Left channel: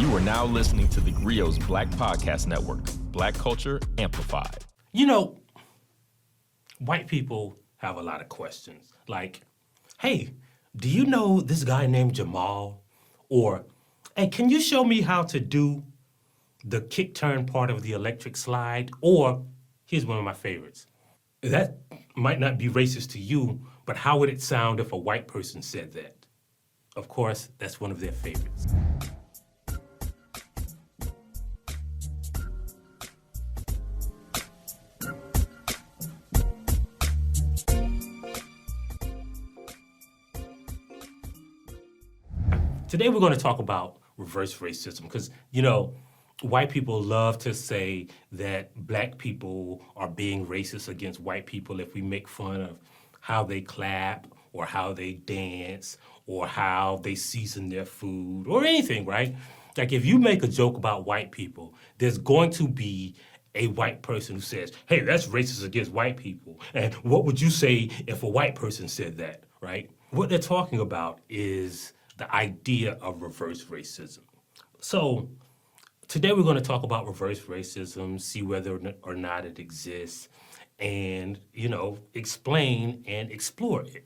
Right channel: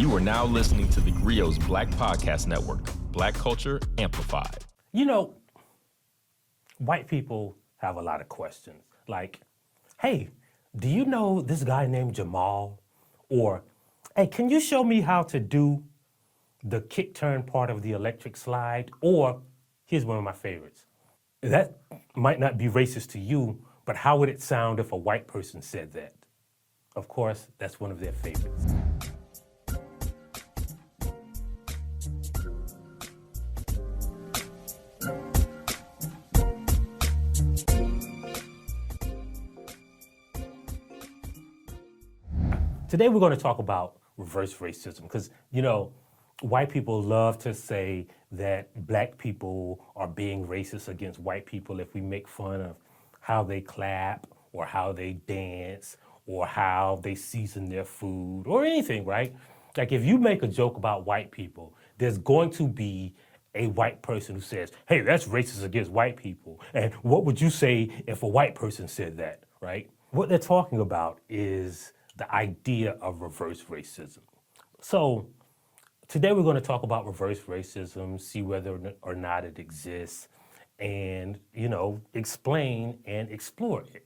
You are now listening to theGrio's Black Podcast Network, Black Culture Amplified. You know, white people have a lot of questions. Like, hey, do you know this guy named Jamal? Or, hey, can you show me how to do the kick turn part of the electric slide? Or, here's one of my favorites. That might not be racist to you, but how would it sound if a white person said that? Of course, that's one of their favorites. Today we're going to talk about reverse racism because, you know, white people love to say that black people are being racist against white people if we make fun of how they clap or how they dance or how they season their food or anything, right? Like if you make a joke about white people, there's going to be a white person who says, hey, that's racist against white people. And what would you say if a white person said that, right? What they're talking about is the idea of reverse racism. So today we're going to talk about reverse racism, see whether or not it exists, and, you know, explain and explore it.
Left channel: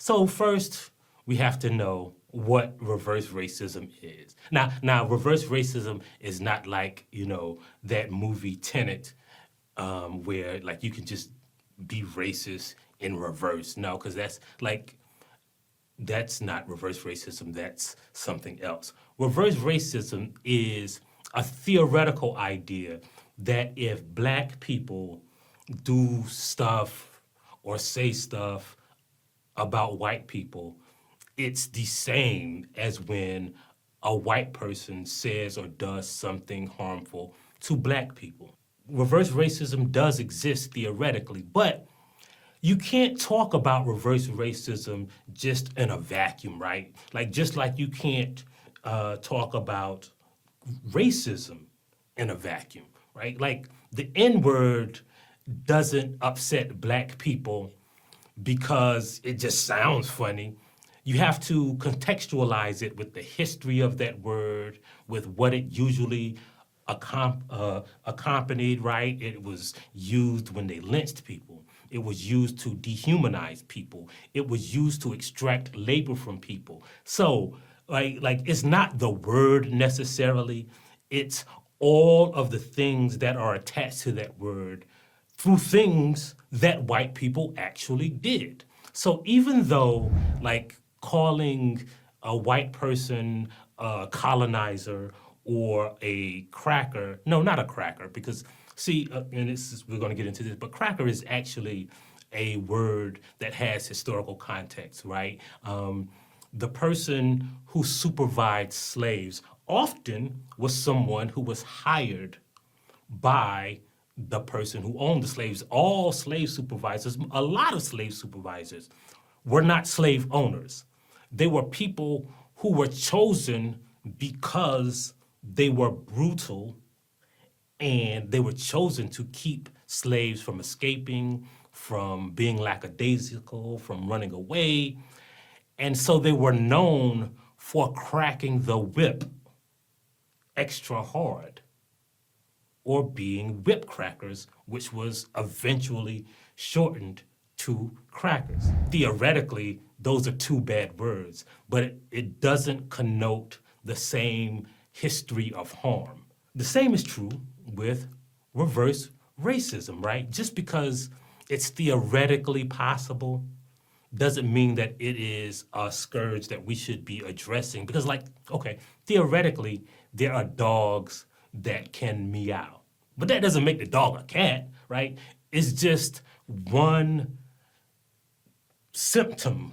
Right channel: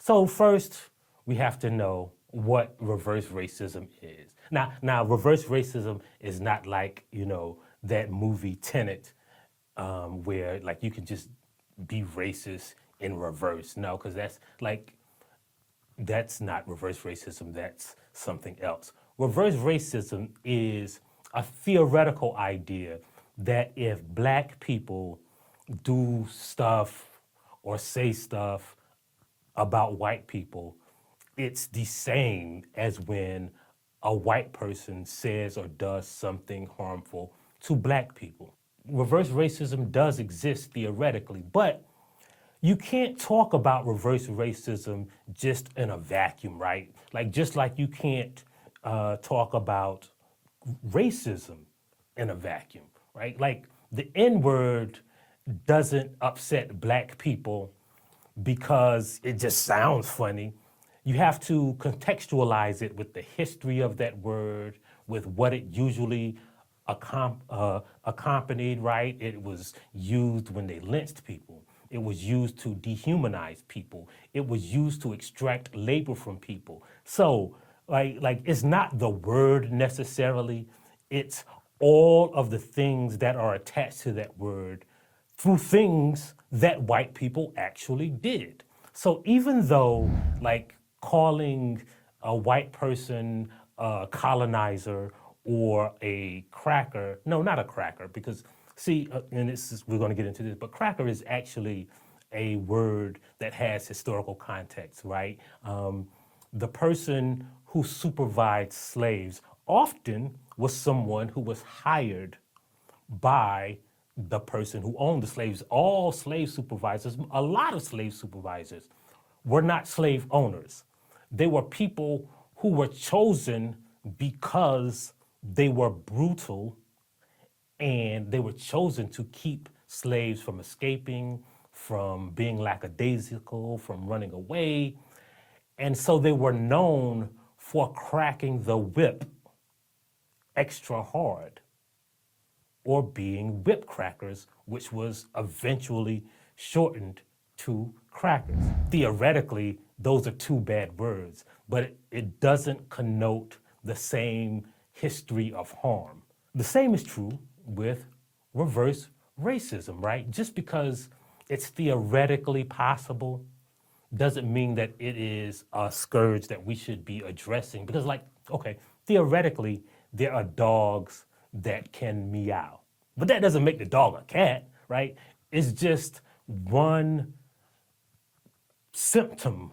So first, we have to know what reverse racism is. Now, reverse racism is not like, you know, that movie Tenet, where like you can just be racist in reverse. No, because that's not reverse racism, that's something else. Reverse racism is a theoretical idea that if black people do stuff or say stuff about white people, it's the same as when a white person says or does something harmful to black people. Reverse racism does exist theoretically, but you can't talk about reverse racism just in a vacuum, right? Like just like you can't talk about racism in a vacuum, right? Like the N-word doesn't upset black people because it just sounds funny. You have to contextualize it with the history of that word, with what it usually accompanied, right? It was used when they lynched people. It was used to dehumanize people. It was used to extract labor from people. So, like it's not the word necessarily, it's all of the things that are attached to that word through things that white people actually did. So even though like calling a white person a colonizer or a cracker, no, not a cracker, because see, and we're going to get into this, but cracker is actually a word that has historical context, right? The person who supervised slaves often was someone who was hired by the person who owned the slaves. All slave supervisors, a lot of slave supervisors, were not slave owners. They were people who were chosen because they were brutal and they were chosen to keep slaves from escaping, from being lackadaisical, from running away. And so they were known for cracking the whip extra hard or being whip crackers, which was eventually shortened to crackers. Theoretically, those are two bad words, but it doesn't connote the same history of harm. The same is true with reverse racism, right? Just because it's theoretically possible doesn't mean that it is a scourge that we should be addressing. Because like, okay, theoretically, there are dogs that can meow, but that doesn't make the dog a cat, right? It's just one symptom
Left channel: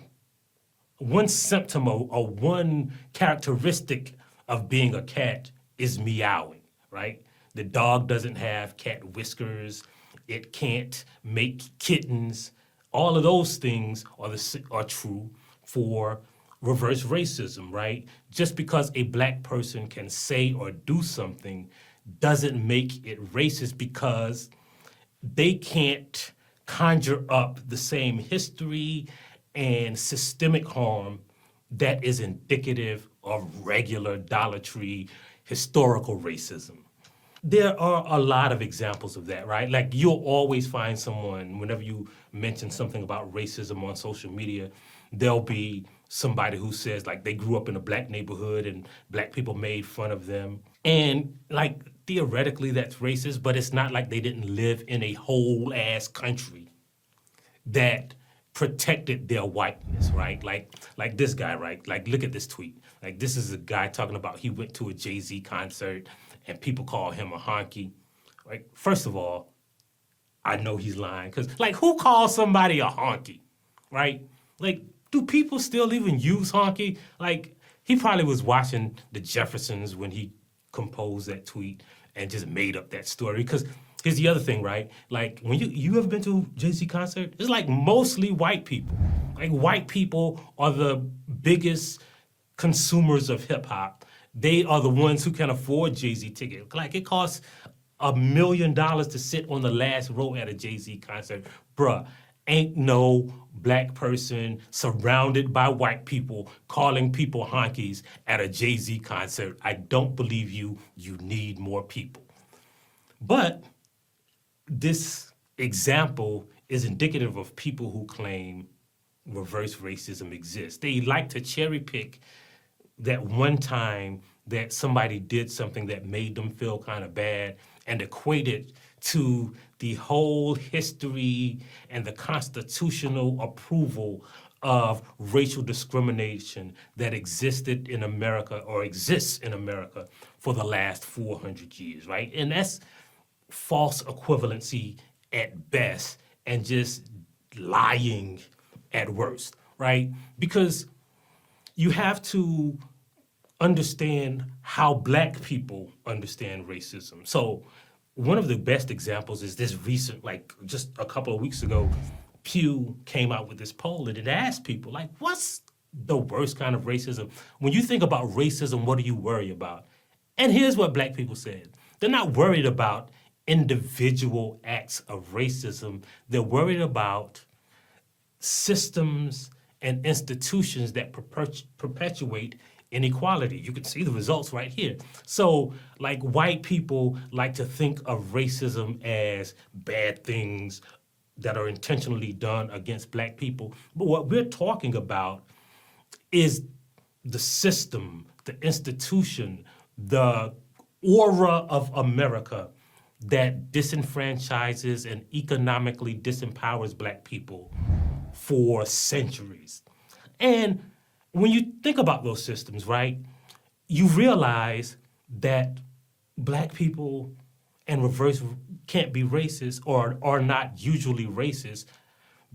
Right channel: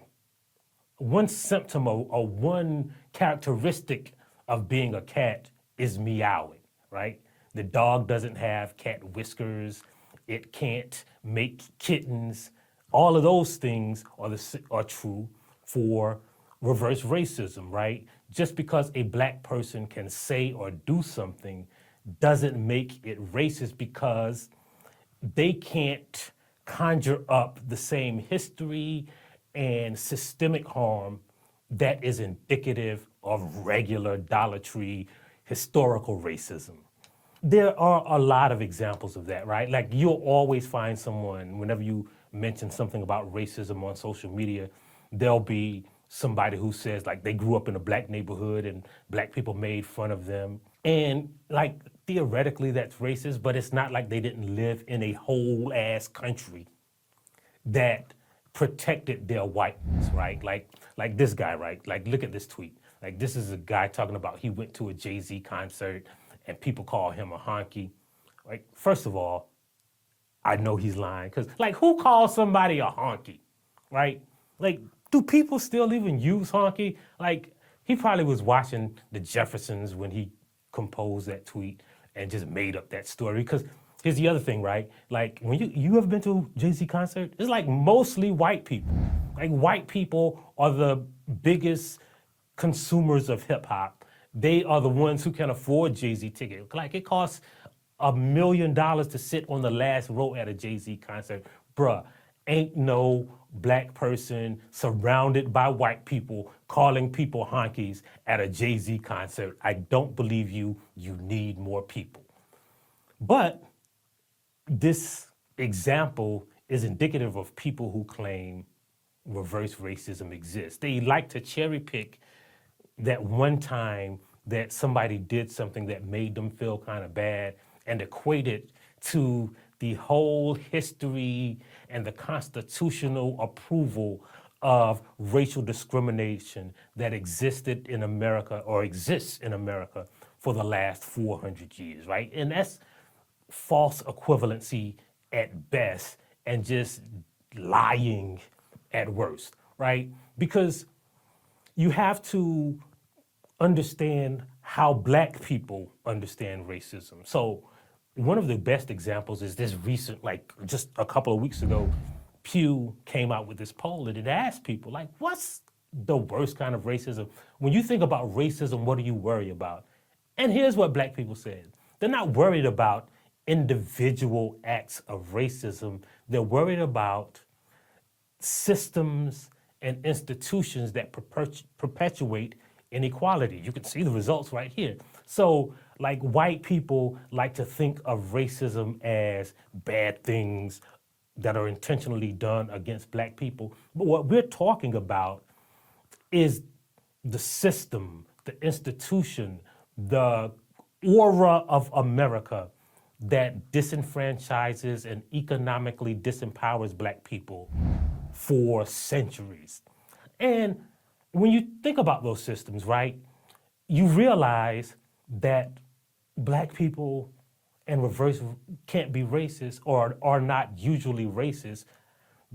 or one characteristic of being a cat is meowing, right? The dog doesn't have cat whiskers. It can't make kittens. All of those things are true for reverse racism, right? Just because a black person can say or do something doesn't make it racist because they can't conjure up the same history and systemic harm that is indicative of regular Dollar Tree historical racism. There are a lot of examples of that, right? Like you'll always find someone, whenever you mention something about racism on social media, there'll be somebody who says like they grew up in a black neighborhood and black people made fun of them. And like theoretically that's racist, but it's not like they didn't live in a whole ass country that protected their whiteness, right? Like this guy, right? Like look at this tweet. Like this is a guy talking about he went to a Jay-Z concert and people call him a honky. Like first of all, I know he's lying because like who calls somebody a honky, right? Like do people still even use honky? Like he probably was watching the Jeffersons when he composed that tweet and just made up that story because here's the other thing, right? Like when you ever been to a Jay-Z concert? It's like mostly white people. Like white people are the biggest consumers of hip hop. They are the ones who can afford Jay-Z tickets. Like it costs $1 million to sit on the last row at a Jay-Z concert. Bruh, ain't no black person surrounded by white people calling people honkies at a Jay-Z concert. I don't believe you. You need more people. But this example is indicative of people who claim reverse racism exists. They like to cherry pick that one time that somebody did something that made them feel kind of bad and equate it to the whole history and the constitutional approval of racial discrimination that existed in America or exists in America for the last 400 years, right? And that's false equivalency at best and just lying at worst, right? Because you have to understand how black people understand racism. So one of the best examples is this recent, like just a couple of weeks ago, Pew came out with this poll and it asked people, like, what's the worst kind of racism? When you think about racism, what do you worry about? And here's what black people said. They're not worried about individual acts of racism. They're worried about systems and institutions that perpetuate inequality. You can see the results right here. So, like, white people like to think of racism as bad things that are intentionally done against black people. But what we're talking about is the system, the institution, the aura of America that disenfranchises and economically disempowers black people for centuries. And when you think about those systems, right, you realize that black people and reverse can't be racist or are not usually racist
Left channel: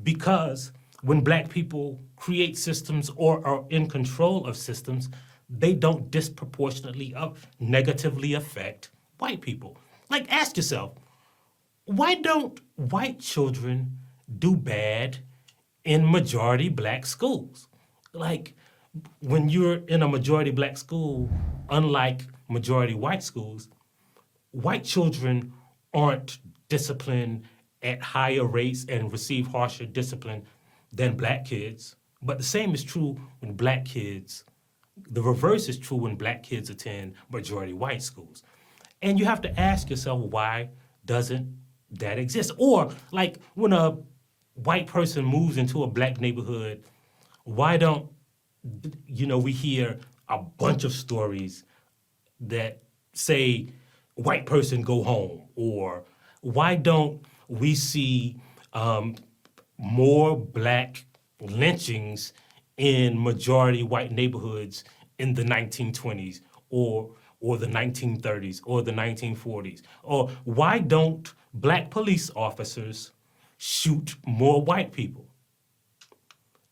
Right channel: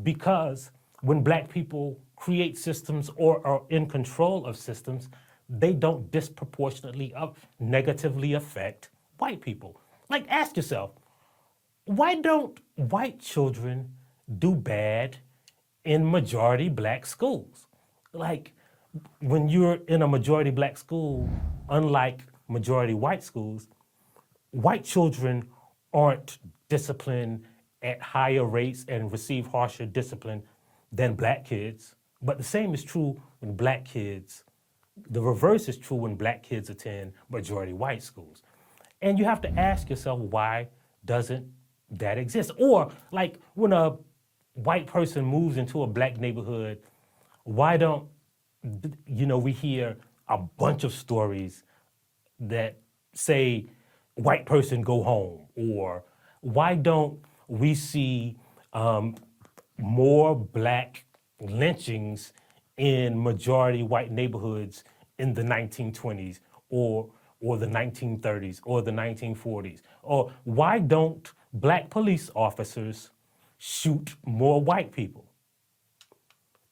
because when black people create systems or are in control of systems, they don't disproportionately negatively affect white people. Like, ask yourself, why don't white children do bad in majority black schools? Like, when you're in a majority black school, unlike majority white schools, white children aren't disciplined at higher rates and receive harsher discipline than black kids. But the same is true when black kids, the reverse is true when black kids attend majority white schools. And you have to ask yourself, why doesn't that exist? Or like when a white person moves into a black neighborhood, why don't, we hear a bunch of stories that say, white person go home, or why don't we see more black lynchings in majority white neighborhoods in the 1920s or the 1930s or the 1940s? Or why don't black police officers shoot more white people?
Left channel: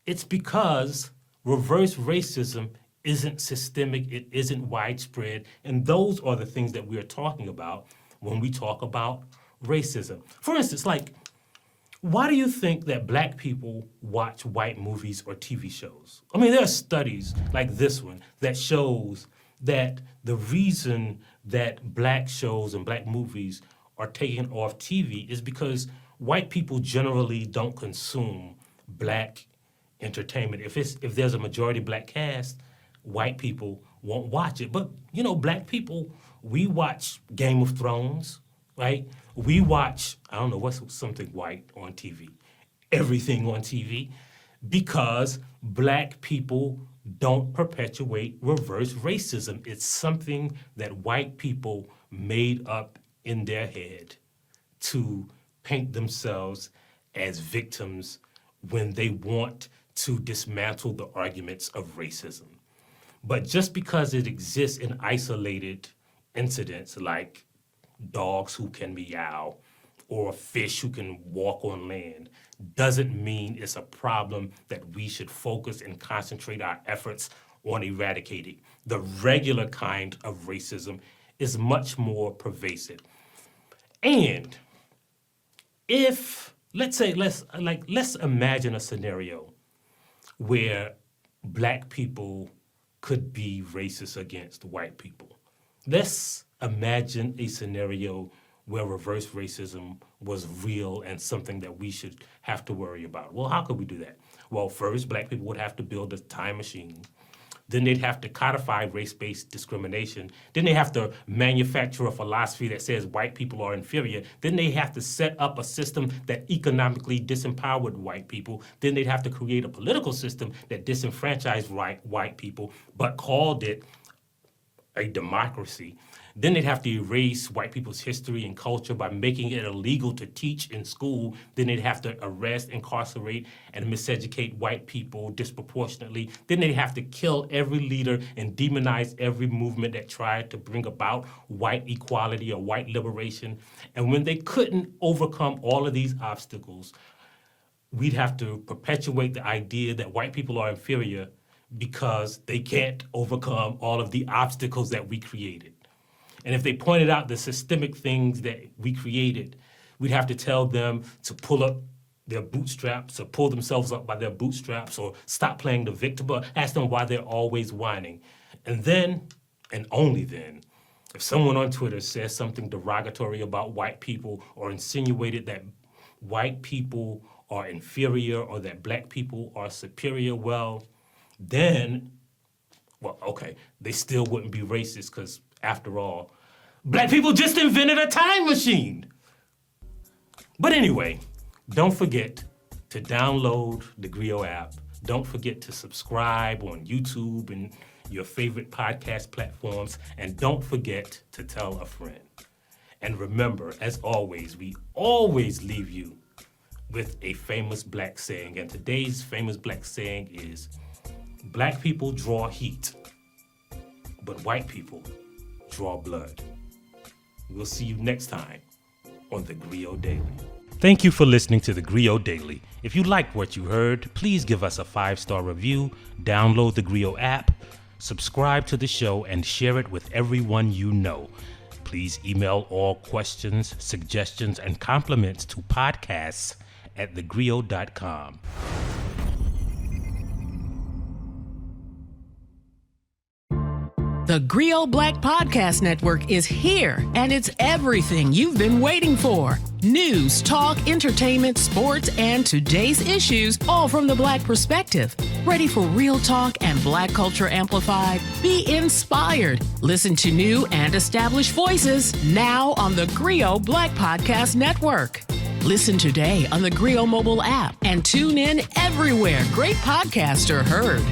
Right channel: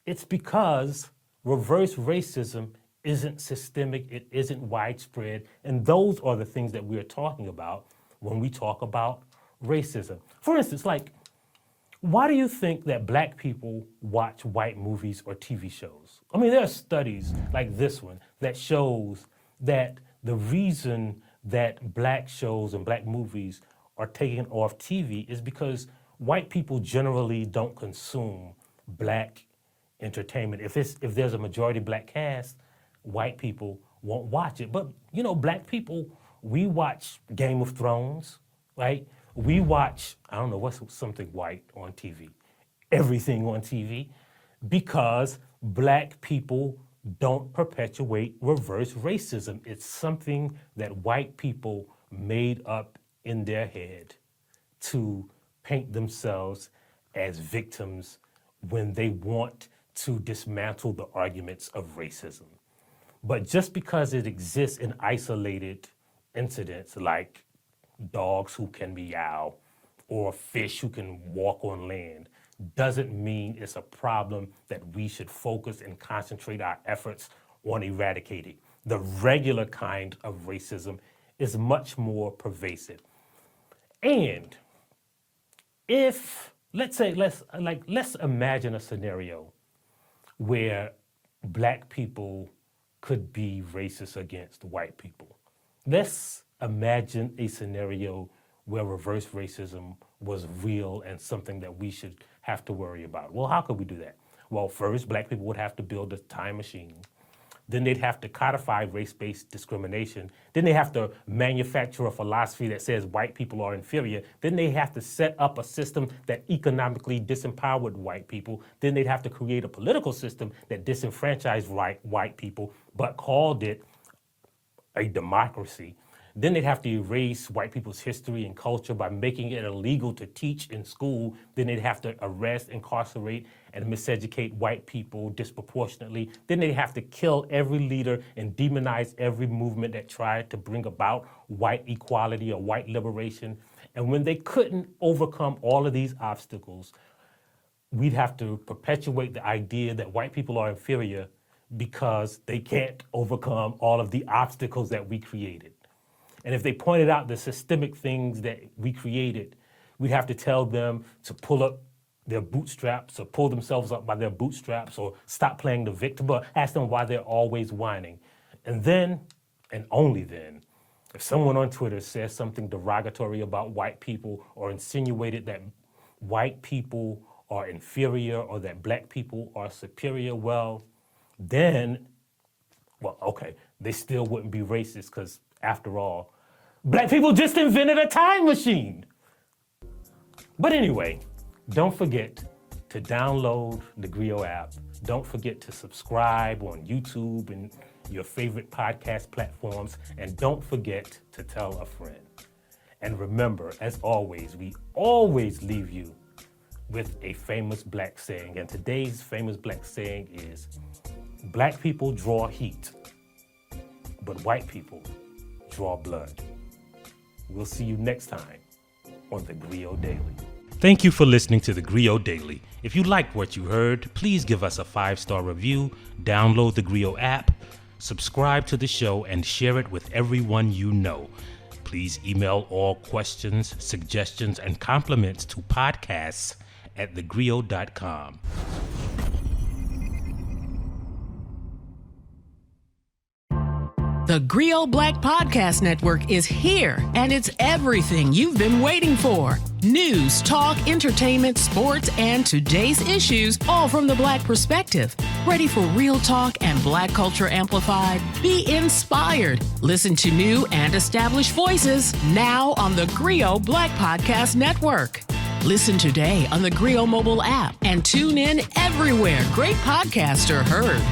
It's because reverse racism isn't systemic, it isn't widespread, and those are the things that we're talking about when we talk about racism. For instance, like, why do you think that black people watch white movies or TV shows? I mean, there are studies like this one that shows that the reason that black shows and black movies are taken off TV is because white people generally don't consume black entertainment. If there's a majority black cast, white people won't watch it. But, black people, we watch Game of Thrones, right? We watch, I don't know, what's something white on TV? Everything on TV, because black people don't perpetuate reverse racism. It's something that white people made up in their head to paint themselves as victims when they want to dismantle the arguments of racism. But just because it exists in isolated incidents like dogs who can meow or a fish who can walk on land doesn't mean it's a problem that we should focus and concentrate our efforts on eradicating. The regular kind of racism is much more pervasive. And if, let's imagine a scenario where black people could be racist against white people. Let's imagine a scenario where reverse racism was real and something that we should have to worry about. Well, how could we do that? Well, first, black people would have to build a time machine. Then they'd have to codify race-based discrimination. Then they have to manufacture a philosophy that says white people are inferior. Then they have to set up a system that economically disempowered white people. Then they'd have to create a political system that disenfranchised white people, but called it a democracy. Then they'd have to erase white people's history and culture by making it illegal to teach in school. Then they'd have to arrest, incarcerate, and miseducate white people disproportionately. Then they'd have to kill every leader and demonize every movement that tried to bring about white equality or white liberation. And when they couldn't overcome all of these obstacles, we'd have to perpetuate the idea that white people are inferior because they can't overcome all of the obstacles that we created. And if they pointed out the systemic things that we created, we'd have to tell them to pull up their bootstraps or pull themselves up by their bootstraps or stop playing the victim, or ask them why they're always whining. And then, and only then, if someone on Twitter says something derogatory about white people or insinuated that white people are inferior or that black people are superior, then, they still wouldn't be racist because, after all, black people just invented a time machine. But anyway, don't forget to download the theGrio app. Don't forget to subscribe on YouTube and your favorite podcast platforms. And don't forget to tell a friend. And remember, as always, we always leave you with a famous black saying. And today's famous black saying is, black people draw heat, but white people draw blood. We'll see you next time on theGrio Daily. Thank you for listening to theGrio Daily. If you liked what you heard, please give us a 5-star review, download the theGrio app, subscribe to the show, and share it with everyone you know. Please email all questions, suggestions, and compliments to podcasts@thegrio.com. The Grio Black Podcast Network is here, and it's everything you've been waiting for. News, talk, entertainment, sports, and today's issues, all from the Black perspective. Ready for real talk and Black culture amplified? Be inspired. Listen to new and established voices now on the Grio Black Podcast Network. Listen today on the Grio mobile app and tune in everywhere great podcasts are heard.